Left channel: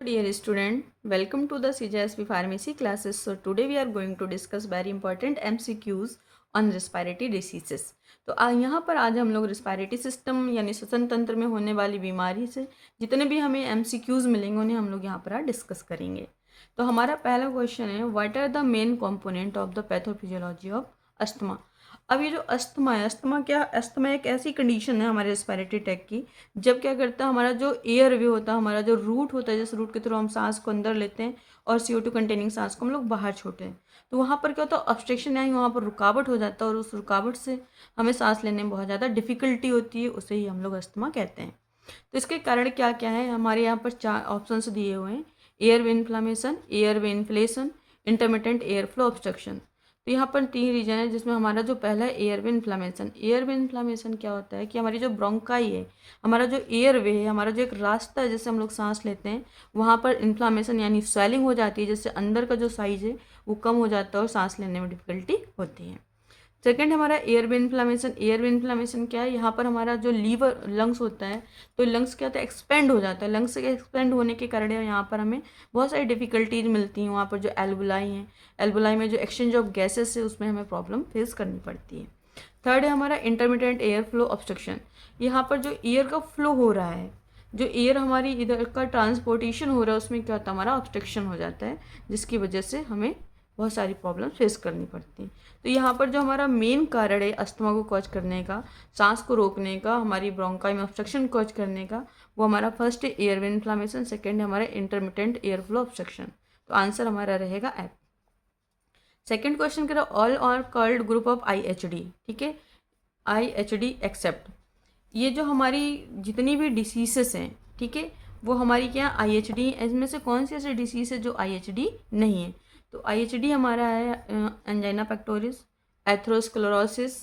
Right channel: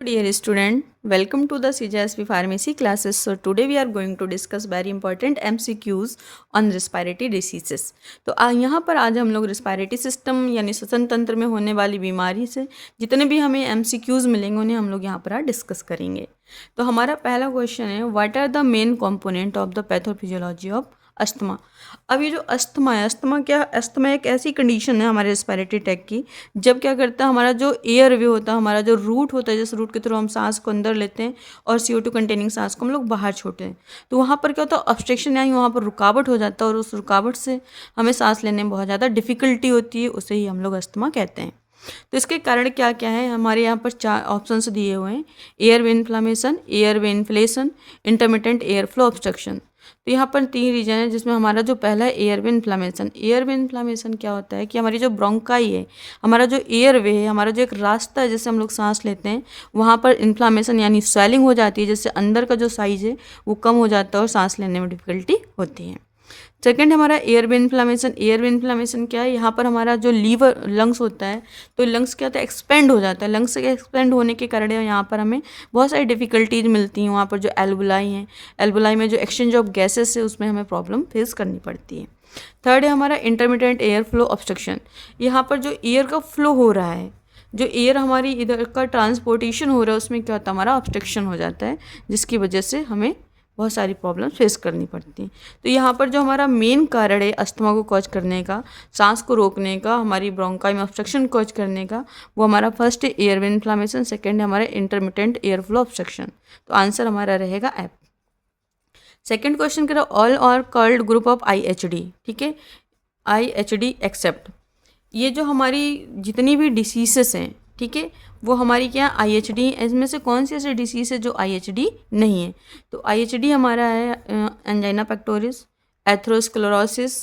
Dear student, welcome to the CJSP Pharmacy classes. So today we are going to discuss very important MCQs on respiratory diseases. तो यहाँ पर आज हम लोग respiratory system यानी श्वसन तंत्र में होने वाली बीमारी से जितने भी हमें MCQs मिलेंगे उन्हें हम लोग यहाँ पर आज डिस्कस करेंगे। तो हमारा पहला क्वेश्चन है, what are the main component of the pathophysiology of asthma. अब ये जो अस्थमा है, अस्थमा एक ऐसी कंडीशन है हमारे रेस्पिरेटरी ट्रैक्ट की, जब क्या करता है हमारा जो एयर वे होता है, हमारा जो रूट होता है, जिस रूट के थ्रू हम सांस को अंदर लेते हैं और CO2 कंटेनिंग सांस को हम लोग बाहर छोड़ते हैं, तो वहाँ पर क्या होता है, ऑब्स्ट्रक्शन यानी वहाँ पर रुकावट हो जाता है और उस रुकावट से हमें सांस लेने में बहुत ज़्यादा डिफिकल्टी होती है, उसे ही हम लोग अस्थमा कहते हैं। तो इसके कारण क्या क्या है, हमारे यहाँ पर 4 ऑप्शंस दिए हुए हैं, airway inflammation, airway inflation, intermittent air flow obstruction. तो यहाँ पर 3 रीजन है, जिसमें हमारा जो पहला है एयर वे इन्फ्लामेशन। एयर वे इन्फ्लामेशन क्या होता है कि हमारी जो ब्रोंकाई है, हमारा जो एयर वे है, हमारा जो एक रास्ता है जिससे हम लोग सांस लेते हैं, वहाँ पर इन्फ्लामेशन यानी स्वेलिंग हो जाती है, जिससे अंदर का जो साइज है वो कम हो जाता है और सांस लेने में डिफिकल्टी होती है। सेकेंड हमारा एयर वे इन्फ्लामेशन। एयर वे इन्फ्लामेशन क्या है, यहाँ पर हमारा जो लीवर लंग्स होता है, तो लंग्स क्या होता है, एक्सपेंड हो जाता है। लंग्स के एक्सपेंड होने के कारण यहाँ पर हमें बहुत सारी डिफिकल्टीज मिलती हैं। वहाँ पर जो एल्बुलाई हैं, एल्बुलाई में जो एक्सचेंज ऑफ गैसेस है उसमें हमें प्रॉब्लम फेस करनी पड़ती है। थर्ड है हमारा इंटरमिटेंट एयर फ्लो ऑब्स्ट्रक्शन। यहाँ पर जो एयर का फ्लो हो रहा है, जो एयर हमारी इधर का ट्रांसपोर्टेशन हो रहा है, उसमें क्या होता है, हमारा ऑब्स्ट्रक्शन हो जाता है, जिसकी वजह से हमें बहुत सारी प्रॉब्लम फेस करनी पड़ती हैं। तो यहाँ पर जो हमारा मेन कारण है अस्थमा को कॉज करने का, सांस को रोकने का, हमारी ब्रोंकाई में ऑब्स्ट्रक्शन कॉज करने का, वो हमारा फर्स्ट है एयर वे इन्फ्लामेशन, सेकेंड है हमारा इंटरमिटेंट एयर फ्लो ऑब्स्ट्रक्शन। तो आंसर हमारा रहेगा एप। सेकेंड क्वेश्चन कह रहा all are called group of IHD। ठीक है, IHD एक्सेप्ट, ये जो हमारी जितनी भी डिसीजेस हैं, ठीक है, वो हमारी क्या IHD, इसमें से कौन सी ऐसी डिसीज है जो IHD नहीं है। तो IHD हमारा है angina pectoris, atherosclerosis,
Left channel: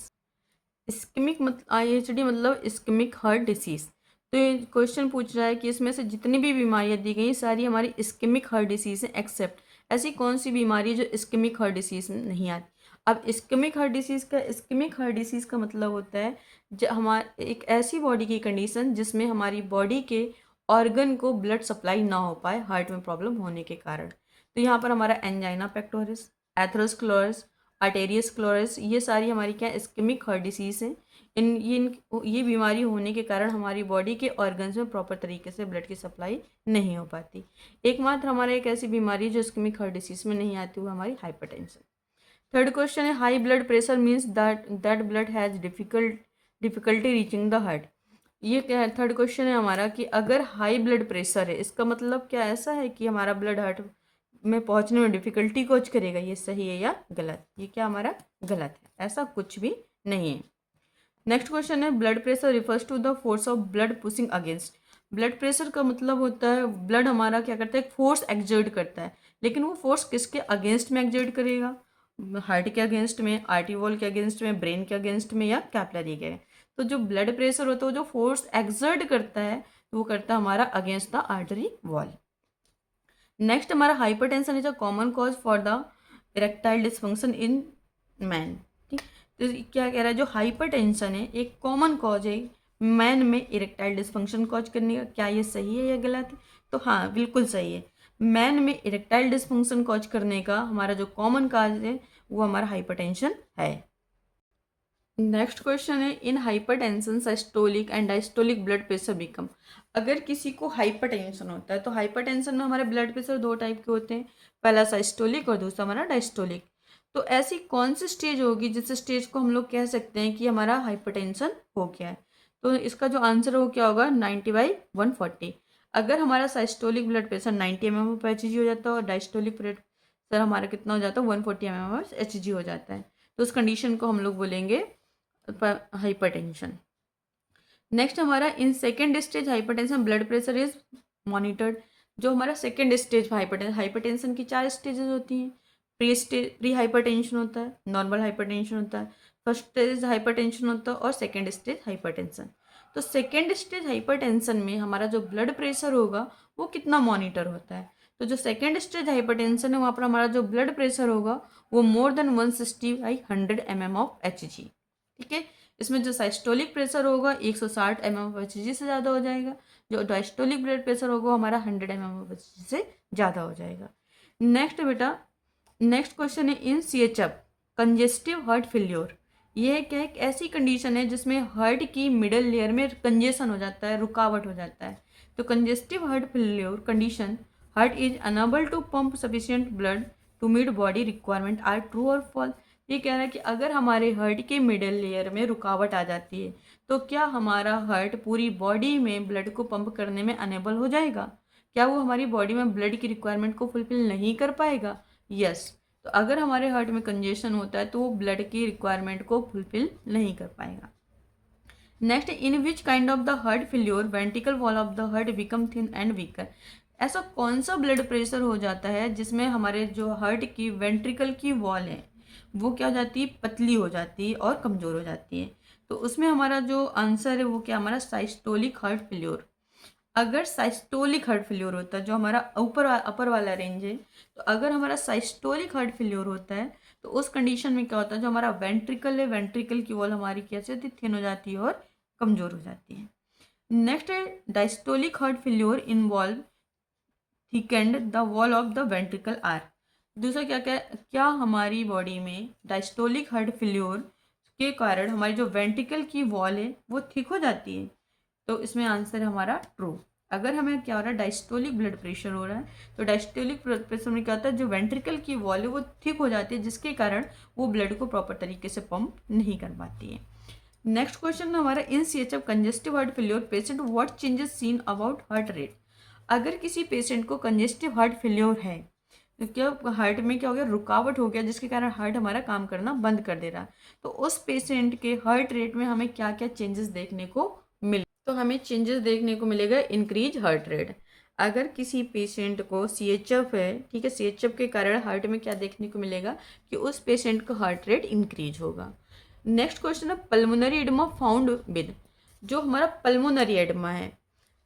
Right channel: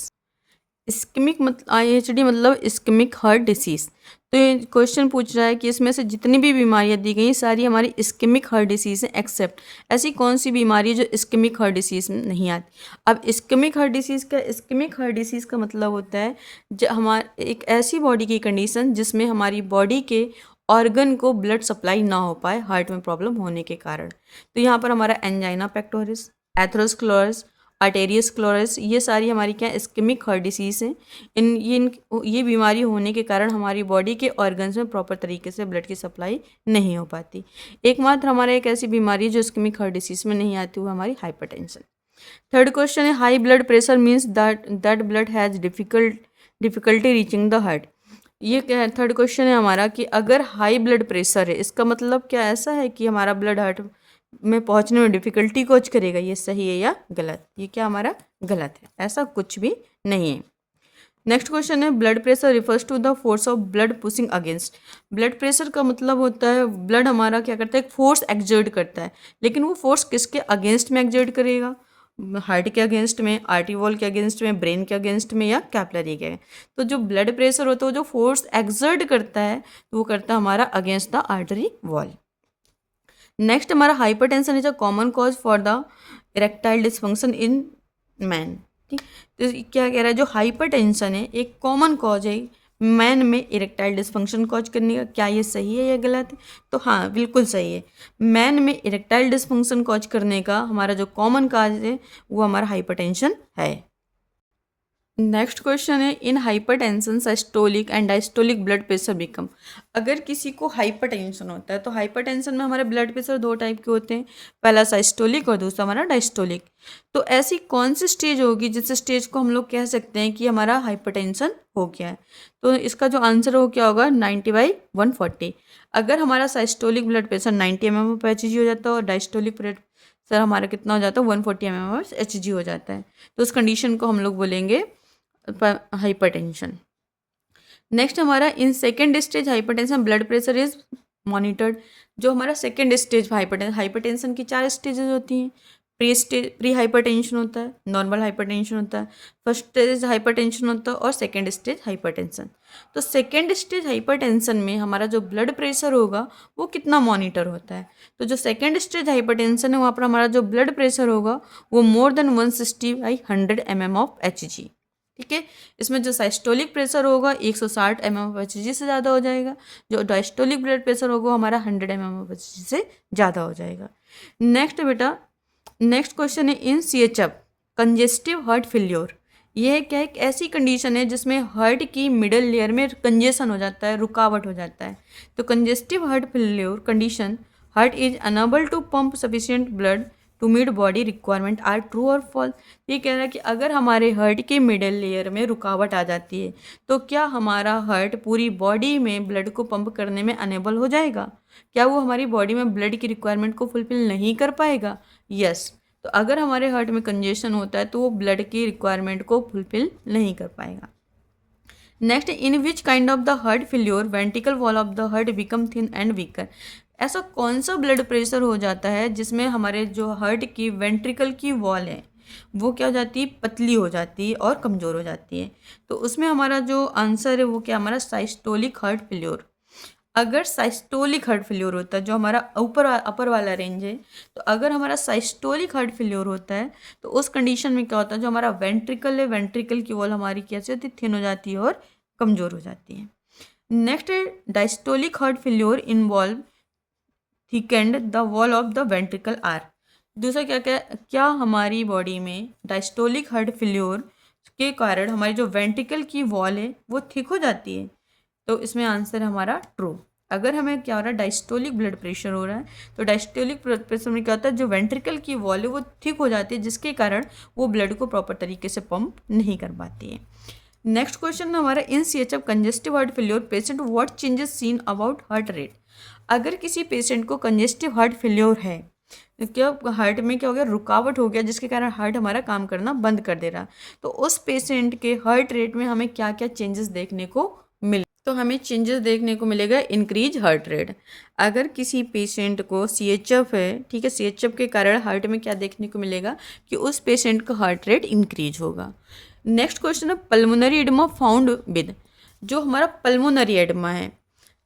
ischaemic IHD मतलब इस्केमिक हार्ट डिसीज़। तो ये क्वेश्चन पूछ रहा है कि इसमें से जितनी भी बीमारियां दी गई सारी हमारी इस्केमिक हार्ट डिसीज़ हैं, एक्सेप्ट ऐसी कौन सी बीमारी है जो इस्केमिक हार्ट डिसीज़ में नहीं आती। अब इस्केमिक हार्ट डिसीज़ का मतलब होता है जो हमारे एक ऐसी बॉडी की कंडीशन जिसमें हमारी बॉडी के ऑर्गन को ब्लड सप्लाई ना हो पाए हार्ट में प्रॉब्लम होने के कारण। तो यहाँ पर हमारा एंजाइना पेक्टोरिस, एथेरोस्क्लेरोसिस, आर्टेरियोस्क्लेरोसिस, ये सारी हमारी क्या इस्केमिक हार्ट डिसीज़ हैं। ये बीमारी होने के कारण हमारी बॉडी के ऑर्गन्स में प्रॉपर तरीके से ब्लड की सप्लाई नहीं हो पाती। एकमात्र हमारा एक ऐसी बीमारी है जो इस्केमिक हार्ट डिसीज़ में नहीं आती, वो हमारी हाइपरटेंशन। थर्ड क्वेश्चन है high blood pressure means that blood has difficulty reaching the heart. ये क्या है, थर्ड क्वेश्चन है हमारा कि अगर हाई ब्लड प्रेशर है, इसका मतलब क्या ऐसा है कि हमारा ब्लड हार्ट में पहुंचने में डिफिकल्टी कोच करेगा। ये सही है या गलत, ये क्या हमारा गलत है, ऐसा कुछ भी नहीं है। नेक्स्ट क्वेश्चन है blood pressure refers to the force of blood pushing against. Blood pressure का मतलब होता है ब्लड हमारा क्या करता है, एक फोर्स एक्सर्ट करता है, लेकिन वो फोर्स किसके अगेंस्ट में एक्सर्ट करेगा, हार्ट के अगेंस्ट में, आर्टरी वॉल के अगेंस्ट में, ब्रेन के अगेंस्ट में, या कैपिलरी के। तो जो ब्लड प्रेशर होता है, वो जो फोर्स एक्सर्ट करता है, तो वो करता है हमारा against the artery wall. Next हमारा hypertension is a common cause for the erectile dysfunction in man. ठीक, तो क्या कह रहा है, जो हाइपरटेंशन है एक कॉमन कॉज है मैन में इरेक्टाइल डिसफंक्शन कॉज करने का। क्या ये सही है या गलत है, तो हाँ बिल्कुल सही है। मैन में इरेक्टाइल डिसफंक्शन कॉज करने का हमारा जो कॉमन कॉज है वो हमारा हाइपरटेंशन है। नेक्स्ट क्वेश्चन है इन hypertension systolic and diastolic blood pressure become. अगर किसी को हाइपरटेंशन होता है, तो हाइपरटेंशन में हमारे ब्लड प्रेशर 2 टाइप के होते हैं, पहला सिस्टोलिक और दूसरा हमारा डायस्टोलिक। तो ऐसी कौन सी स्टेज होगी जिस स्टेज को हम लोग कह सकते हैं कि हमारा हाइपरटेंशन हो गया है। तो इसका जो आंसर हो क्या होगा, 90/140। अगर हमारा सिस्टोलिक ब्लड प्रेशर 90 mmHg हो जाता है और डायस्टोलिक ब्लड प्रेशर हमारा कितना हो जाता है, 140 mmHg हो जाता है, तो उस कंडीशन को हम लोग बोलेंगे हाइपरटेंशन। नेक्स्ट हमारा in second stage hypertension blood pressure is monitored. जो हमारा सेकेंड स्टेज हाइपरटेंशन की 4 स्टेजेस होती हैं। प्री हाइपरटेंशन होता है, नॉर्मल हाइपरटेंशन होता है, फर्स्ट स्टेज हाइपरटेंशन होता है और सेकेंड स्टेज हाइपरटेंशन। तो सेकेंड स्टेज हाइपरटेंशन में हमारा जो ब्लड प्रेशर होगा वो कितना मॉनिटर होता है। तो जो सेकेंड स्टेज हाइपरटेंशन है वहाँ पर हमारा जो ब्लड प्रेशर होगा वो more than 160/100 mm of Hg। ठीक है। इसमें जो साइस्टोलिक प्रेशर होगा 160 mm/Hg से ज़्यादा हो जाएगा, जो डायस्टोलिक ब्लड प्रेशर होगा हमारा 100 mm/Hg से ज़्यादा हो जाएगा। नेक्स्ट बेटा, नेक्स्ट क्वेश्चन है इन CHF कंजेस्टिव हार्ट फेल्योर। यह क्या एक ऐसी कंडीशन है जिसमें हार्ट की मिडल लेयर में कंजेशन हो जाता है, रुकावट हो जाता है। तो congestive heart failure condition, heart is unable to pump sufficient blood to meet body requirement are true और फॉल्स। ये कह रहा है कि अगर हमारे हार्ट के मिडल लेयर में रुकावट आ जाती है तो क्या हमारा हार्ट पूरी बॉडी में ब्लड को पंप करने में अनेबल हो जाएगा, क्या वो हमारी बॉडी में ब्लड की रिक्वायरमेंट को फुलफिल नहीं कर पाएगा? यस। तो अगर हमारे हार्ट में कंजेशन होता है तो वो ब्लड की रिक्वायरमेंट को फुलफिल नहीं कर पाएगा। Next, in which kind of the heart failure ventricle wall of the heart become thin and weaker. ऐसा कौन सा ब्लड प्रेशर हो जाता है जिसमें हमारे जो हार्ट की वेंट्रिकल की वॉल है वो क्या हो जाती है, पतली हो जाती है और कमज़ोर हो जाती है। तो उसमें हमारा जो आंसर है वो क्या, हमारा साइस्टोलिक हार्ट फेल्योर। अगर साइस्टोलिक हार्ट फेल्योर होता है, जो हमारा ऊपर अपर वाला रेंज है, तो अगर हमारा साइस्टोलिक हार्ट फेल्योर होता है तो उस कंडीशन में क्या होता है, जो हमारा वेंट्रिकल है, वेंट्रिकल की वॉल हमारी कैसे होती है, थिन हो जाती है और कमज़ोर हो जाती है। नेक्स्ट है diastolic heart failure involve thickened the wall of the ventricle are. दूसरा क्या क्या क्या हमारी बॉडी में डायस्टोलिक हार्ट फेल्योर के कारण हमारी जो वेंट्रिकल की वॉल है वो थिक हो जाती है। तो इसमें आंसर हमारा ट्रू। अगर हमें क्या हो रहा है, डायस्टोलिक ब्लड प्रेशर हो रहा है तो डायस्टोलिक ब्लड प्रेशर में क्या होता है, जो वेंट्रिकल की वॉल है वो थिक हो जाती है, जिसके कारण वो ब्लड को प्रॉपर तरीके से पंप नहीं कर पाती है। नेक्स्ट क्वेश्चन हमारा, in CHF congestive heart failure patient what changes seen about heart rate. अगर किसी पेशेंट को कंजेस्टिव हार्ट फेल्योर है तो क्या हार्ट में क्या हो गया, रुकावट हो गया, जिसके कारण हार्ट हमारा काम करना बंद कर दे रहा, तो उस पेशेंट के हार्ट रेट में हमें क्या क्या चेंजेस देखने को मिले। तो हमें चेंजेस देखने को मिलेगा इंक्रीज हार्ट रेट। अगर किसी पेशेंट को CHF है, ठीक है, CHF के कारण हार्ट में क्या देखने को मिलेगा कि उस पेशेंट का हार्ट रेट इंक्रीज होगा। नेक्स्ट क्वेश्चन है पल्मोनरी एडमा फाउंड विद। जो हमारा पल्मोनरी एडमा है,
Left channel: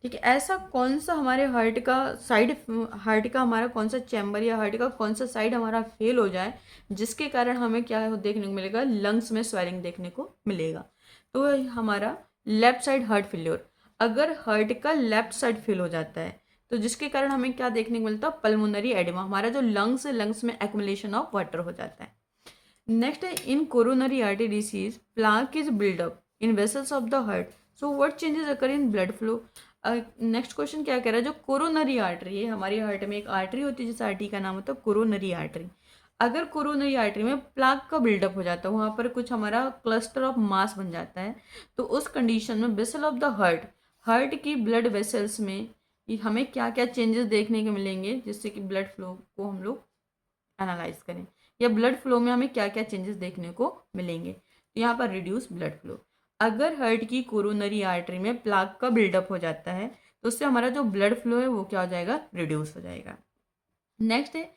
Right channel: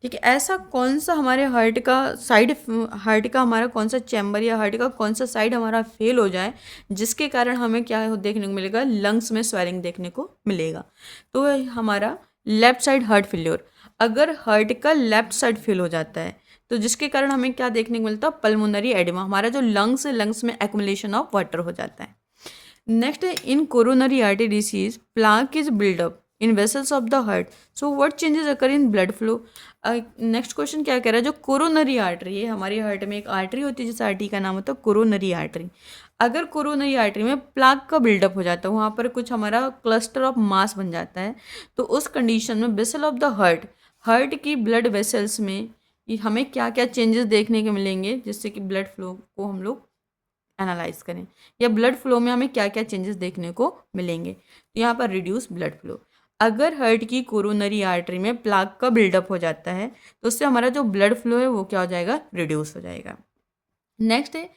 ठीक है, ऐसा कौन सा हमारे हार्ट का साइड, हार्ट का हमारा कौन सा चैम्बर या हार्ट का कौन सा साइड हमारा फेल हो जाए जिसके कारण हमें क्या देखने को मिलेगा, लंग्स में स्वेलिंग देखने को मिलेगा। तो हमारा लेफ्ट साइड हार्ट फेल्योर, अगर हार्ट का लेफ्ट साइड फेल हो जाता है तो जिसके कारण हमें क्या देखने को मिलता है, पल्मोनरी एडिमा, हमारा जो लंग्स है, लंग्स में एक्युमुलेशन ऑफ वाटर हो जाता है। नेक्स्ट है in coronary artery disease plaque is buildup in vessels of the heart, so what changes occur in blood flow. Next question क्या कह रहा है, जो कोरोनरी आर्टरी है, हमारी हार्ट में एक आर्टरी होती है जिस आर्टरी का नाम होता है कोरोनरी आर्टरी। अगर कोरोनरी आर्टरी में प्लाक का बिल्डअप हो जाता है, वहाँ पर कुछ हमारा क्लस्टर ऑफ मास बन जाता है, तो उस कंडीशन में vessel of the heart, heart की ब्लड वेसल्स में हमें क्या क्या चेंजेस देखने को मिलेंगे जिससे कि ब्लड फ्लो को हम लोग एनालाइज करें, या ब्लड फ्लो में हमें क्या क्या चेंजेस देखने को मिलेंगे। तो यहाँ पर रिड्यूस ब्लड फ्लो, अगर हार्ट की कोरोनरी आर्टरी में प्लाक का बिल्डअप हो जाता है तो उससे हमारा जो ब्लड फ्लो है वो क्या हो जाएगा, रिड्यूस हो जाएगा। नेक्स्ट है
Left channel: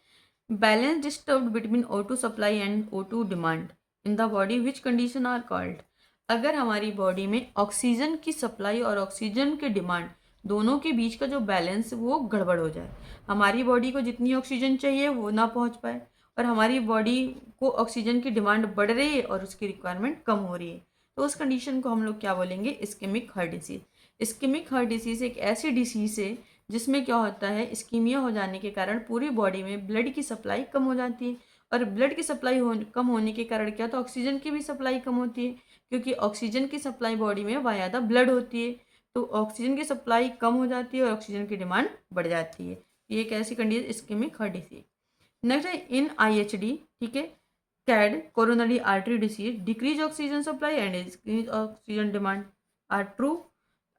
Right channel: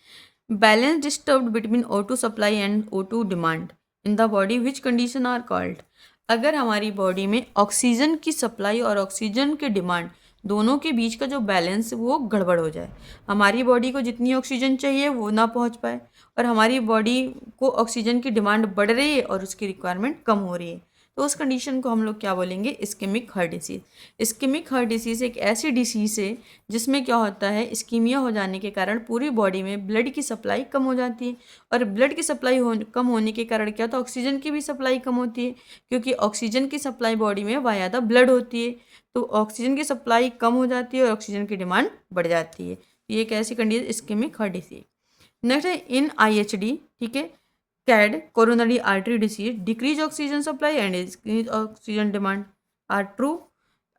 balance disturbed between O2 supply and O2 demand in the body which condition are called. अगर हमारी बॉडी में ऑक्सीजन की सप्लाई और ऑक्सीजन के डिमांड दोनों के बीच का जो बैलेंस वो गड़बड़ हो जाए, हमारी बॉडी को जितनी ऑक्सीजन चाहिए वो ना पहुंच पाए और हमारी बॉडी को ऑक्सीजन की डिमांड बढ़ रही है और उसकी रिक्वायरमेंट कम हो रही है, तो उस कंडीशन को हम लोग क्या बोलेंगे, ischaemic heart disease. Ischaemic heart disease एक ऐसी डिसीज है जिसमें क्या होता है, इस्कीमिया हो जाने के कारण पूरी बॉडी में ब्लड की सप्लाई कम हो जाती है और ब्लड की सप्लाई कम होने के कारण क्या होता है, ऑक्सीजन की भी सप्लाई कम होती है, क्योंकि ऑक्सीजन की सप्लाई बॉडी में वाया द ब्लड होती है, तो ऑक्सीजन की सप्लाई कम हो जाती है और ऑक्सीजन की डिमांड बढ़ जाती है। ये एक ऐसी condition ischaemic heart disease. Next है इन IHD, ठीक है, CAD coronary artery disease decrease oxygen supply and increase oxygen demand are true.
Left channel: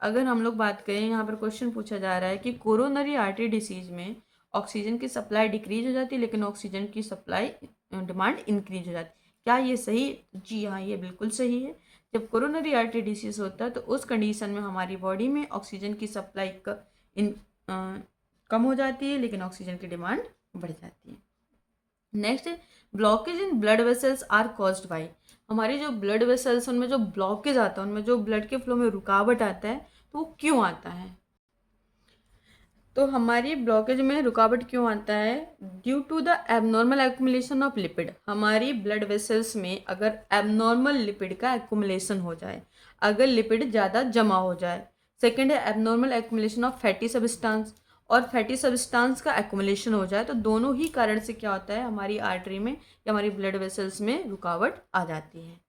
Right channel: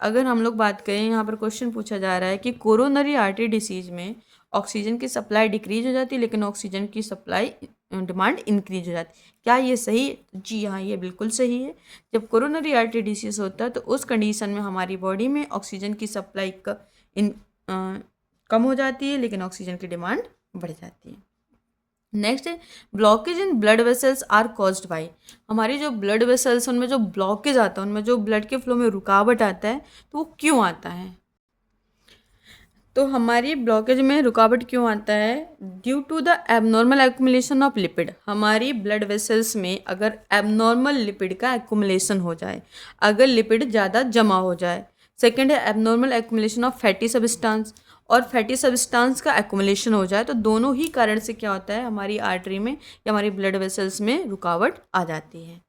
अगर हम लोग बात करें, यहाँ पर क्वेश्चन पूछा जा रहा है कि कोरोनरी आर्टरी डिसीज में ऑक्सीजन की सप्लाई डिक्रीज हो जाती है लेकिन ऑक्सीजन की सप्लाई डिमांड इंक्रीज हो जाती है, क्या ये सही? जी हाँ, ये बिल्कुल सही है। जब कोरोनरी आर्टरी डिसीज होता है तो उस कंडीशन में हमारी बॉडी में ऑक्सीजन की सप्लाई कम हो जाती है लेकिन ऑक्सीजन की डिमांड बढ़ जाती है। नेक्स्ट है blockage in blood vessels are caused by. हमारे जो ब्लड वेसल्स उनमें जो ब्लॉकेज आता है, उनमें जो ब्लड के फ्लो में रुकावट आता है, तो वो क्यों आता है? तो हमारी ब्लॉकेज में रुकावट क्यों आता है? Due to the abnormal accumulation of lipid. हमारी ब्लड वेसल्स में अगर एबनॉर्मल लिपिड का एक्यूमुलेशन हो जाए, अगर लिपिड ज़्यादा जमा हो जाए। सेकेंड है abnormal accumulation of fatty substance, और फैटी सब्सटेंस का एक्यूमुलेशन हो जाए, तो दोनों ही कारण से क्या होता है, हमारी आर्टरी में या हमारी ब्लड वेसल्स में रुकावट आ जाती है।